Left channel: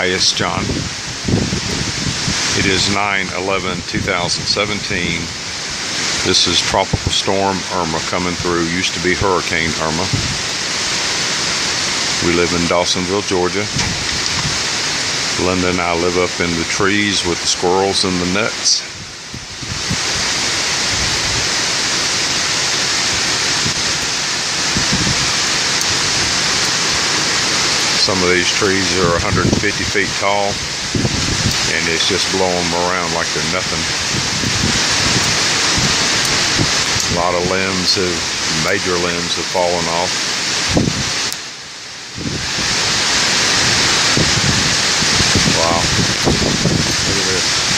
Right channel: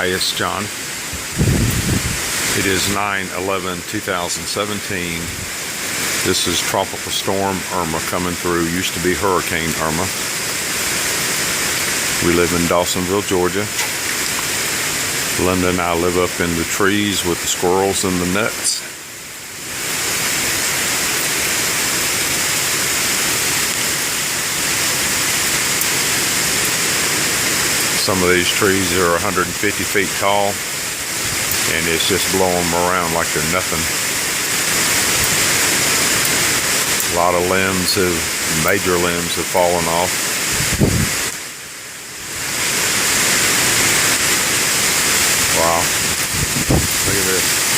Hi, it's John. It is 9/11/2017. This is Tropical Storm Irma coming through. Used to be Hurricane Irma. We live in Dawsonville, Georgia. Linda and I live up in the trees with the squirrels and the nuts. Some of these trees are 150 feet tall, and it's just blowing them around like they're nothing. A lot of major limbs have fallen off. Wow, look at this.